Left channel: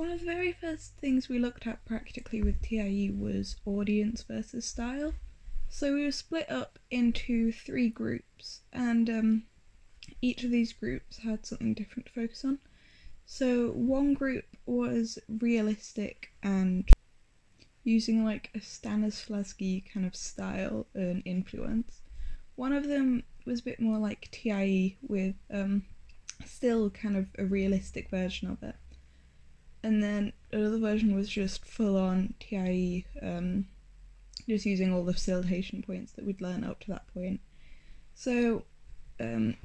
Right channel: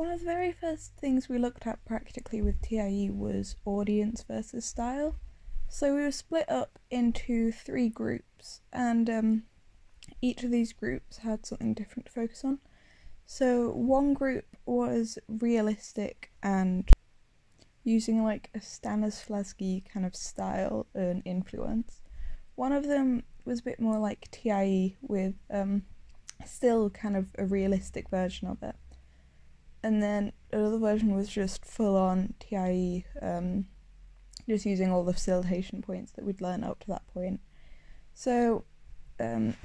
one of the very first things we looked at practically with TIE was audience versus style. So we were split up into 3 groups, and each of these groups had something different to focus on. So one group was realistic and using like a Stanislavski kind of style and influence. One of them was a bit more like TIE with still kind of a realistic version of it. And then another version was just full on TIE, just using all the facilitation points that we'd learned up to that point. So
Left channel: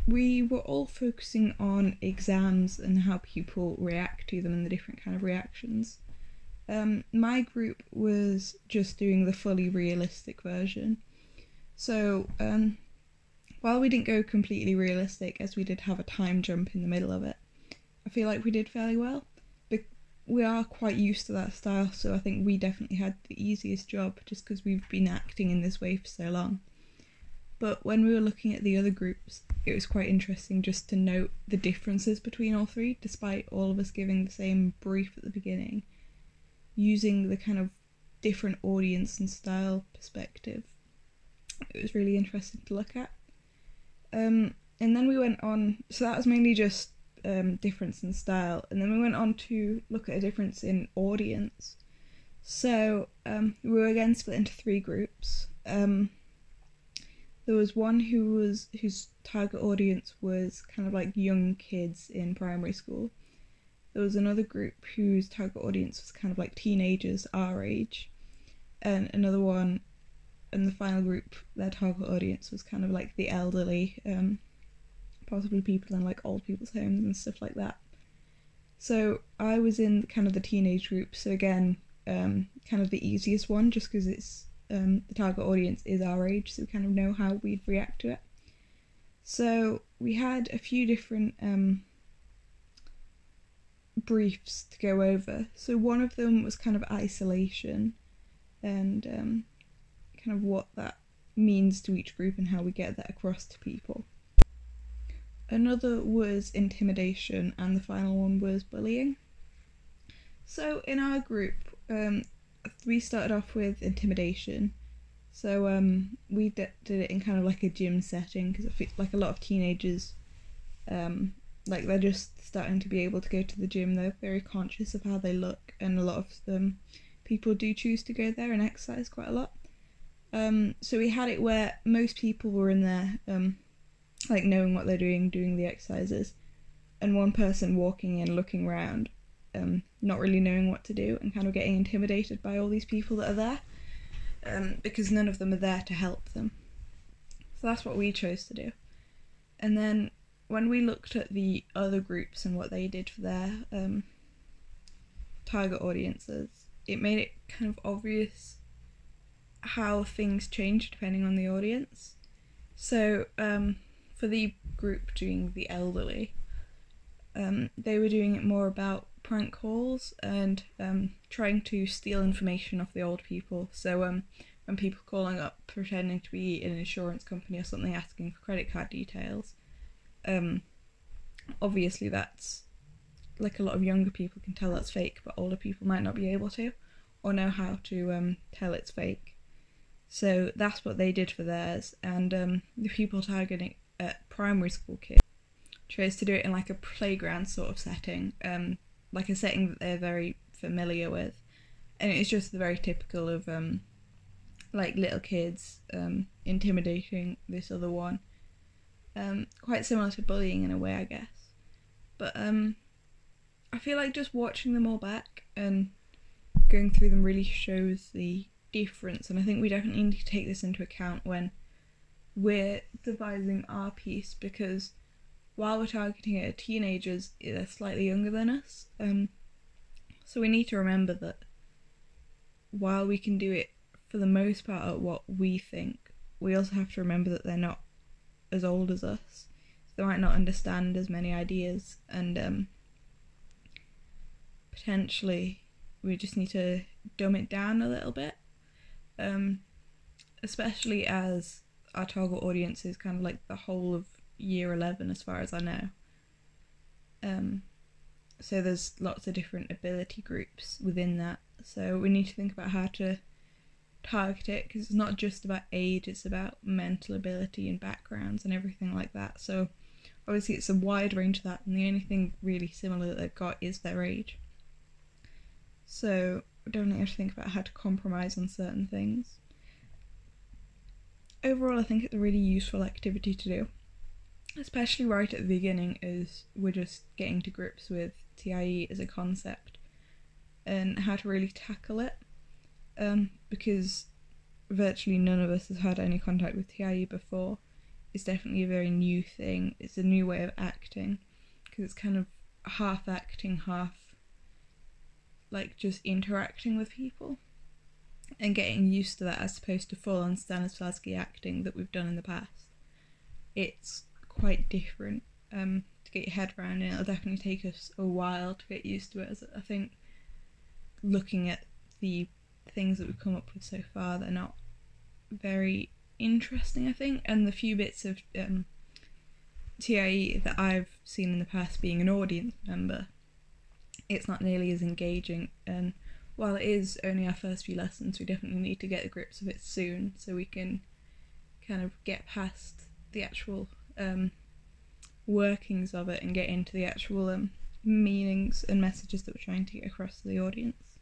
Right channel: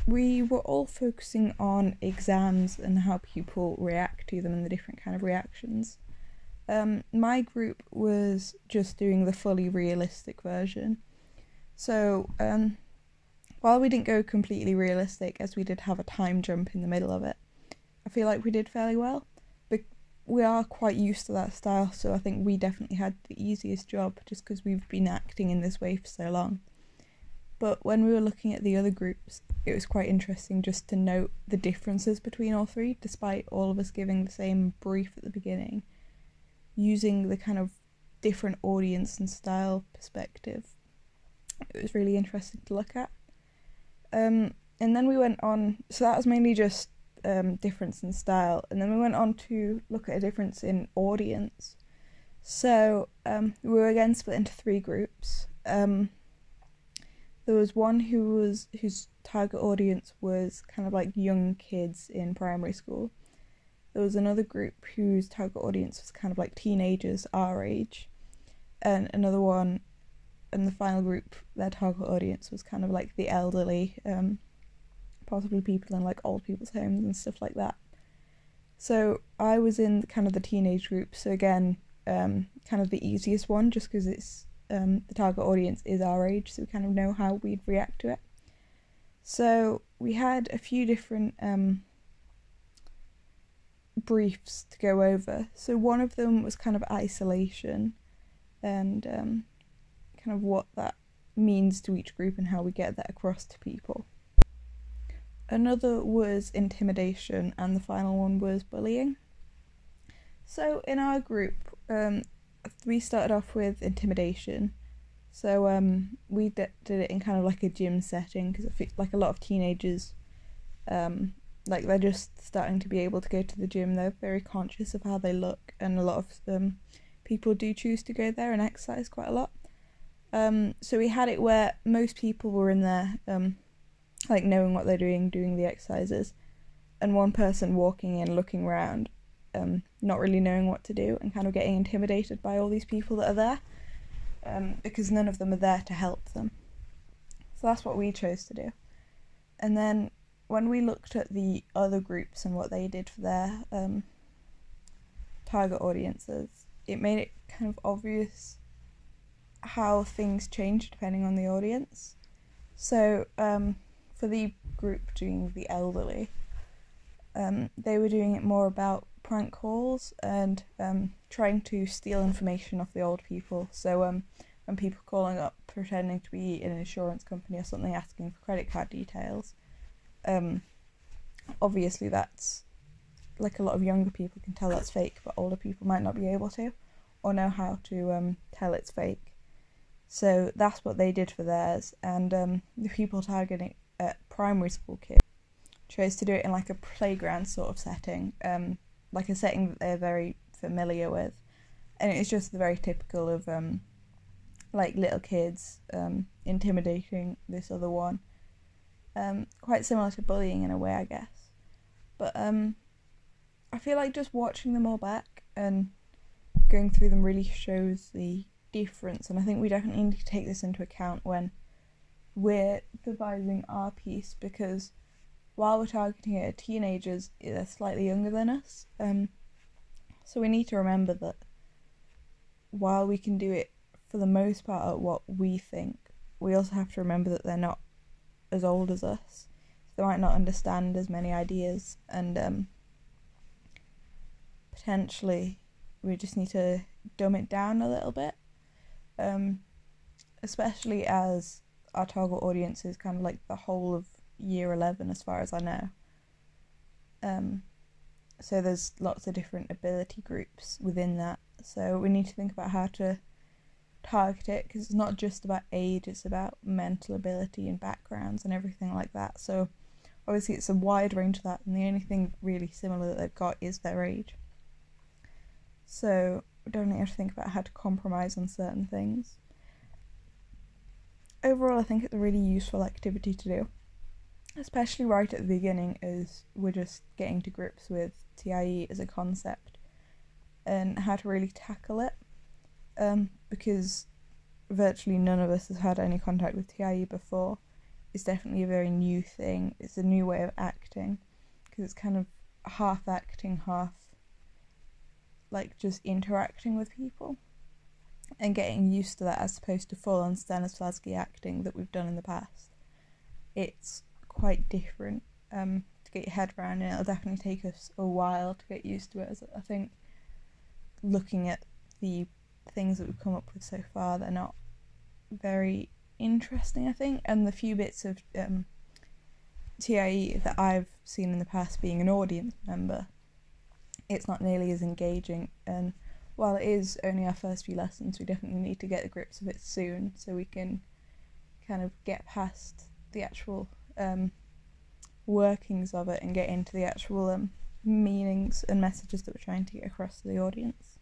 we were all focusing on exams and how people react to them and the different kind of reactions. My group was just doing the fully realistic version. So while we didn't go completely realistic, as we did have a time jump in the middle of it, I feel like we did fairly well. We are quite used to that style, so I think we definitely had the easiest job just because we've been acting in this way for so long. But when we were looking at the other groups, it was quite interesting just to note the differences between all 3, despite all of us giving the same brief at the beginning, using the kind of different audience and style perspective. It was really interesting to look at. And then we went on, so that was mainly just difference in style, and then we went on to look at a difference in audience. So we were again split into 3 groups. There was one whose target audience was kind of like young kids in primary school. There was another group whose target audience was kind of like teenagers our age, and another one, and the final group, their target audience was kind of like the elderly, possibly people in like old people's homes and stuff like that. So I was in kind of the teenage group, so again, kind of the easiest one, just because it's the target audience is our age, so we kind of know how we'd react to it. So we had a few different briefs to go over. So one of them was kind of isolation and kind of what that means to each group and how we get that across to people. Another was intimidation, and the final one was bullying. So in our group, we started off with intimidation. So we did it in kind of like a gym setting, because I feel like a lot of teenagers, like they're just starting to be able to go to the gym. They're very conscious of how they look, and a lot of people do choose to go there and exercise quite a lot. So we had it where most people were in there, like knowing what they're doing the exercises, and one person walking in, looking around, not really knowing what to do, and kind of getting intimidated by all these people that are there, because none of them are there to help them. So that's what we chose to do. And then when we looked at the other groups and what they did for their target audiences, it made it kind of obvious how things change depending on the audience. So for the group doing the elderly, they were doing it more about prank calls and trying to steal information off the old people. So when people calling up pretending to be an insurance company or something, asking for credit card details, obviously that's, like, a lot of younger people can tell that's fake, but older people might not be able to, or know how to tell it's fake. So that's what they did for theirs, and the people targeting primary school kids chose to do it in like a playground sort of setting, like a setting that they're very familiar with, and it's just very typical of like little kids intimidating this other one, quite similar to bullying in a way, I guess. But I feel like just watching them all back and going through them really shows the difference, and I think we definitely need to take this into account when we're devising our piece, because while we're targeting it at teenagers, they're slightly younger than us, so we need to remember that while we can do it for the most part at what we think, we also have to remember that they're not as old as us, so they might not understand as many ideas, and potentially we just need to dumb it down a little bit, especially as our target audience is kind of like the whole of year 11 as far as I know. So there's lots of different ability groups within that. So we need to think about how to target it, because it's not just about age, it's about mental ability and backgrounds and everything like that. So obviously it's a wide range of that, and the only thing really similar that they've got is their age. So we definitely have to think about how to compromise on certain things. Overall, I think it's a really useful activity to do, especially right at the beginning, as we're just getting to grips with TIE as a concept and how to really tackle it, because virtually none of us has had any contact with TIE before. It's definitely a very new thing. It's a new way of acting, because it's kind of half acting, half like just interacting with people and getting used to that, as opposed to full on Stanislavski acting that we've done in the past. It's quite different to get your head around, and it'll definitely take us a while to get used to it. As I think, looking at the things that we've come up with so far, they're not very interesting, I think, and the few bits of TIE that I've seen in the past, being an audience member, it's not nearly as engaging. And while it is only our first few lessons, we definitely need to get the grips of it soon, so we can kind of get past the actual workings of it and get into the actual meanings and messages that we're trying to get across to the audience.